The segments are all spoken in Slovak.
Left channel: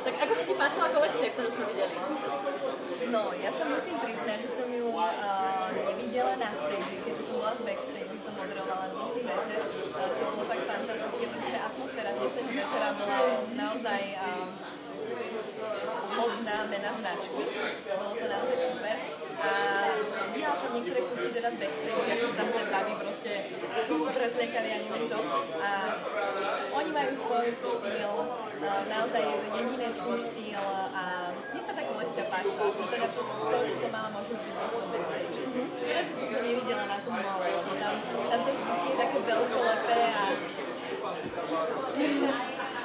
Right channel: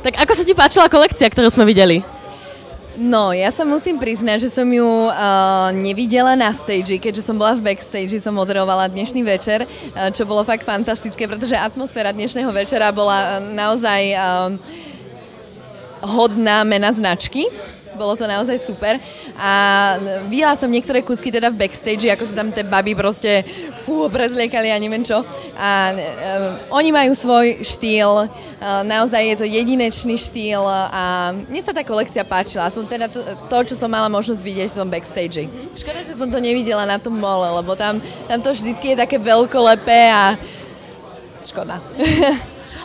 Tak ako sa ti páčila kolekcia, ktorú sme videli? No, ja sa musím priznať, že som ju nevidela na stage, keďže som bola v backstage, som moderovala dnešný večer, čo bolo fakt fantastické, pretože atmosféra dnešného večera bola naozaj hodná mena značky. Bolo to naozaj super. A videla som niektoré kúsky teda v backstage, ako sa tam tie baby proste prezliekali a neviem čo. A oni majú svoj štýl, naozaj je to jedinečný štýl a mne sa tá kolekcia páčila, aspoň teda to, čo som mala možnosť vidieť v tom backstage. Škoda, že som to nevidela na tom mole, lebo tam to vždycky je také veľkolepé a škoda.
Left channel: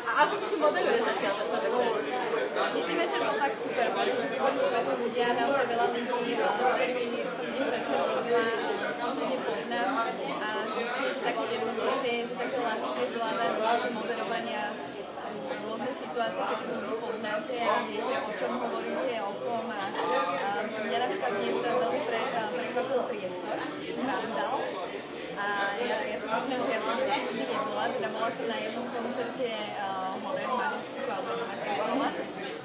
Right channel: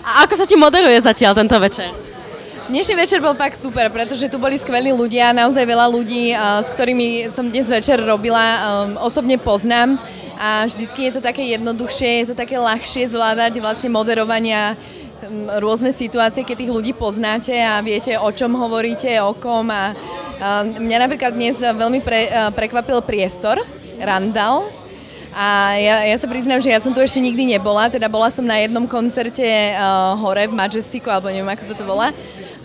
A ako sa ti moderuje zatiaľ tento večer? Dnešný večer bol fakt super, pretože tu boli skvelí ľudia, naozaj veľa ľudí, s ktorými som dnes večer robila, osobne poznám a vždycky je to také jednoduchšie, je to také ľahšie zvládať vlastne moderovania rôzne situácie, keď tých ľudí poznáte a viete, o čom hovoríte, o kom a mňa napríklad dnes veľmi prekvapil priestor, Randall. A ja sa priznám, že ja som tu ešte nikdy nebola, teda bola som na jednom koncerte hore v Majesticu, alebo neviem, ako sa to volá.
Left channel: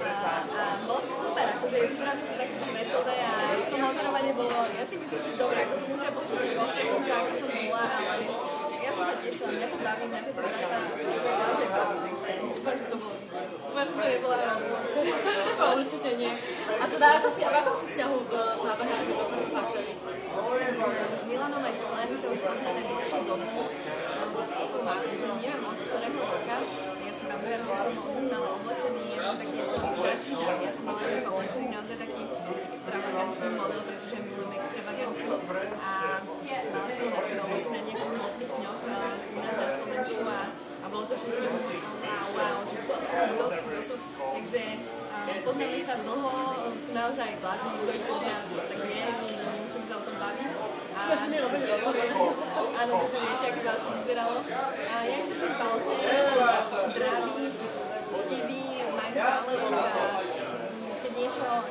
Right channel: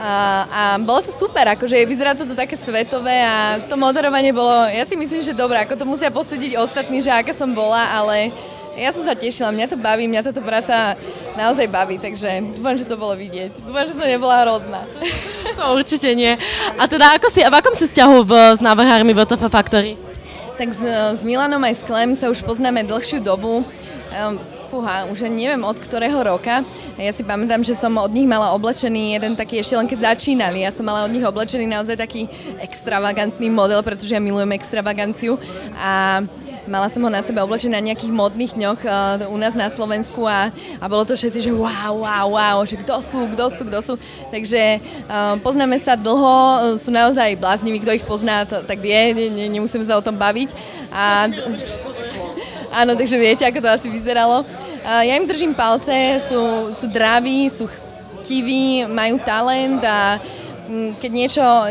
A bolo to super, akože vyzerá to tu také svetové a to moderovanie bolo, ja si myslím, že dobré, ako to musia posúdiť ostatní, že aká som bola, ale ja som sa tešila, mňa to baví, mňa táto práca naozaj baví, takže dúfam, že to bolo vidieť. Dúfam, že to nebola hrozná. No, určite nie. A teda v akom si vzťahu s návrhármi VTF Factory? Tak s Milanom aj s Klem sa už poznáme dlhšiu dobu. Už neviem od ktorého roka. Ja si pamätám, že som od nich mala oblečený jeden taký, ešte len keď začínali. Ja som mala od nich oblečený naozaj taký extravagantný model, pretože ja milujem extravaganciu. A mala som ho na sebe oblečený na nejakých modných dňoch u nás na Slovensku a bolo to všetci, že wow, že kto sú. Takže poznáme sa dlho, sú naozaj blázniví, kto ich pozná, tak vie, nemusíme sa o tom baviť. Áno, takže viete, ako to asi vyzeralo. Ja im držím palce, sú draví, sú chtiví, majú talent a keď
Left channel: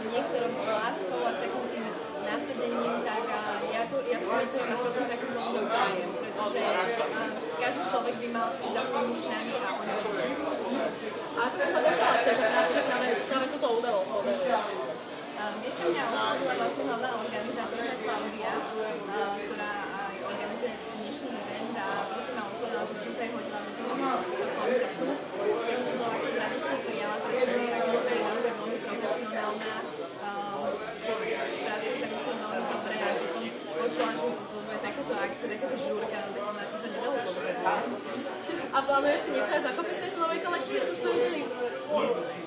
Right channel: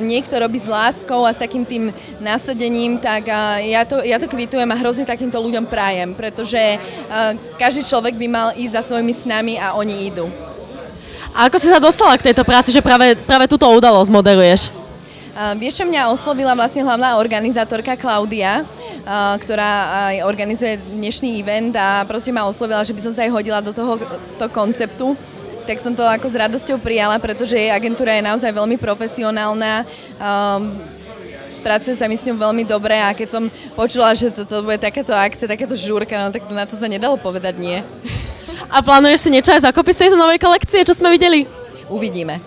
niekto robí s láskou a s takým tým nasadením, tak ja to kvitujem a hrozne takýmto ľuďom prajem, pretože každý človek by mal ísť za svojimi snami a oni idú. A ako si sa dostala k tejto práci, že práve túto udalosť moderuješ? Vieš, čo mňa oslovila vlastne hlavná organizátorka Klaudia, ktorá aj organizuje dnešný event a proste ma oslovila, že by som sa aj hodila do tohoto konceptu. Tak som to ako s radosťou prijala, pretože jej agentúra je naozaj veľmi profesionálna. Pracuje sa mi s ňou veľmi dobre a keď som počula, že toto bude takéto akcie, takéto žúrka, no tak na to sa nedalo povedať nie. A plánuješ si niečo aj zakopiť z tejto novej kolekcie, čo sme videli? Uvidíme.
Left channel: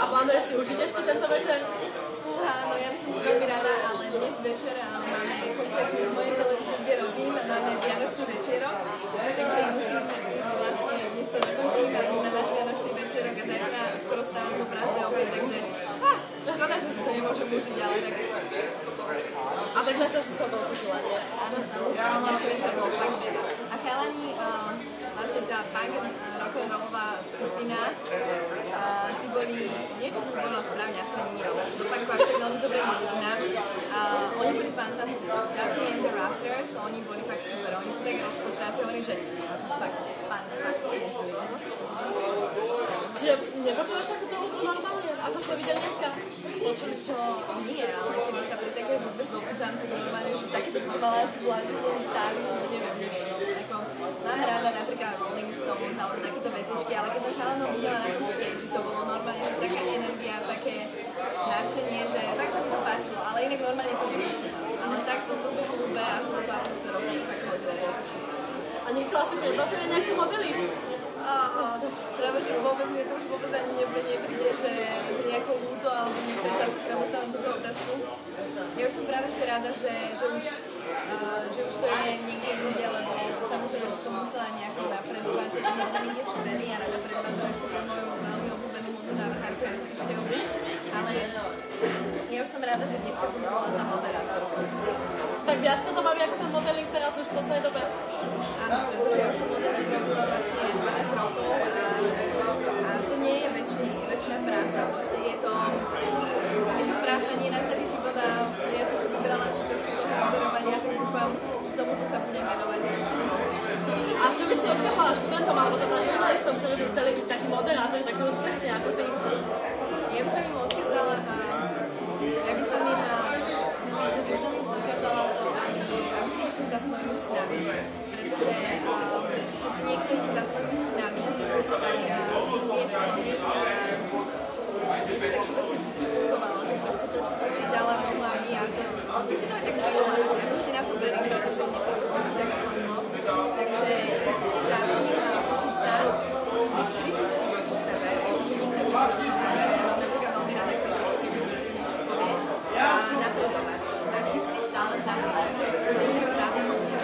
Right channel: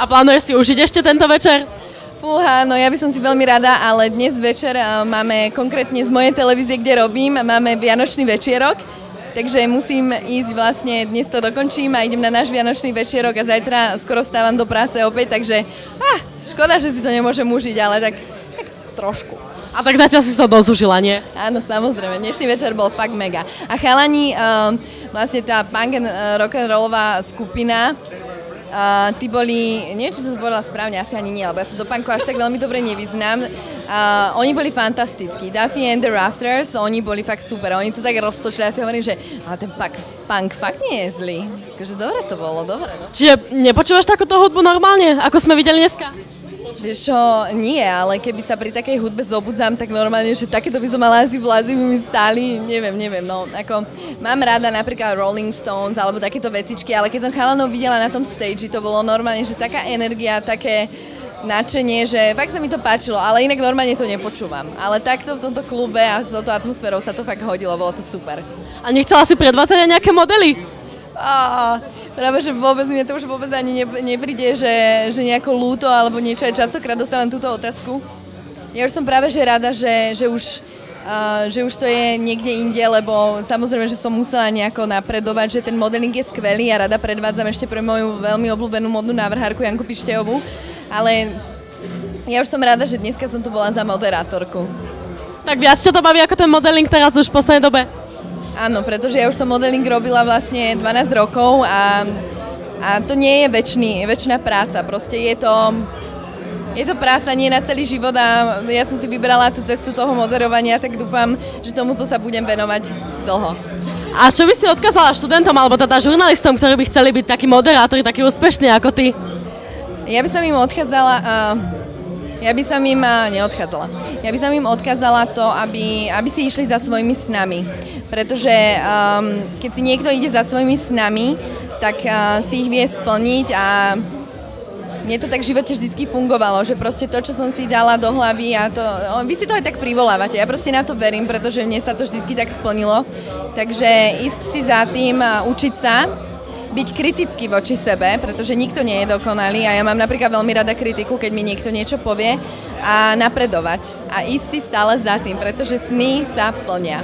A plánuješ si užiť ešte tento večer? Fúha, no ja by som si veľmi rada, ale dnes večer máme konkrétne z mojej televízie, kde robím, máme Vianočný večierok, takže musím ísť vlastne, dnes to dokončím a idem na náš Vianočný večierok a zajtra skoro stávam do práce opäť, takže škoda, že si to nemôžem užiť, ale tak trošku. A tak zatiaľ si sa dosúžila, nie? Áno, samozrejme, dnešný večer bol fakt mega. A chalani, vlastne tá punk and rock'n'rollová skupina, tí boli, neviem, či som povedala správne, asi ani nie, lebo ja sa do punku až tak veľmi dobre nevyznám. Oni boli fantastickí. Duffy and the Rafters, oni boli fakt super. Oni to tak roztočili, ja si hovorím, že ten punk fakt nie je zlý. Takže dobre to bolo, dobre. Čiže nepočúvaš takúto hudbu normálne, ako sme videli dneska? Vieš čo, nie, ale keby sa pri takej hudbe zobudzám, tak normálne, že takéto by som mala asi vlázy by mi stáli, neviem, no, ako mám rada napríklad Rolling Stones alebo takéto vecičky, ale keď som chalanov videla na tom stage, to bolo normálne, že taká energia, také nadšenie, že fakt sa mi to páčilo, ale inak normálne to nepočúvam. Ale takto v tomto klube a s touto atmosférou sa to fakt hodilo, bolo to super. A nechcela si predvádzať aj nejaké modely? Práve, že vôbec mne to už vôbec ani nepríde, že nejako ľúto alebo niečo. Aj častokrát dostávam túto otázku. Ja už som práve že rada, že už to je niekde inde, lebo samozrejme, že som musela nejako napredovať, že ten modeling je skvelý a rada predvádzam ešte pre moju veľmi obľúbenú modnú návrhárku Janku Pištejovú. Ale ja už som rada, že dneska som tu bola za moderátorku. Tak viac ťa to baví ako ten modeling teraz už v poslednej dobe? Áno, pretože ja už som modeling robila vlastne 12 rokov a to nie je väčšiná práca. Proste je to práca nie na celý život a ja som si vybrala tú cestu toho moderovania, tak dúfam, že tomuto sa budem venovať dlho. A čo by si odkázala študentom alebo teda žurnalistom, ktorí by chceli byť takí moderátori, takí úspešní ako ty? Ja by som im odchádzala... Ja by som im neodchádzala. Ja by som im odkázala to, aby si išli za svojimi snami. Pretože keď si niekto ide za svojimi snami, tak si ich vie splniť a mne to tak v živote vždycky fungovalo, že proste to, čo som si dala do hlavy a to... Vy si to aj tak privolávate, ja proste na to verím, pretože mne sa to vždycky tak splnilo. Takže ísť si za tým, učiť sa, byť kritický voči sebe, pretože nikto nie je dokonalý a ja mám napríklad veľmi rada kritiku, keď mi niekto niečo povie a napredovať a ísť si stále za tým, pretože sny sa plnia.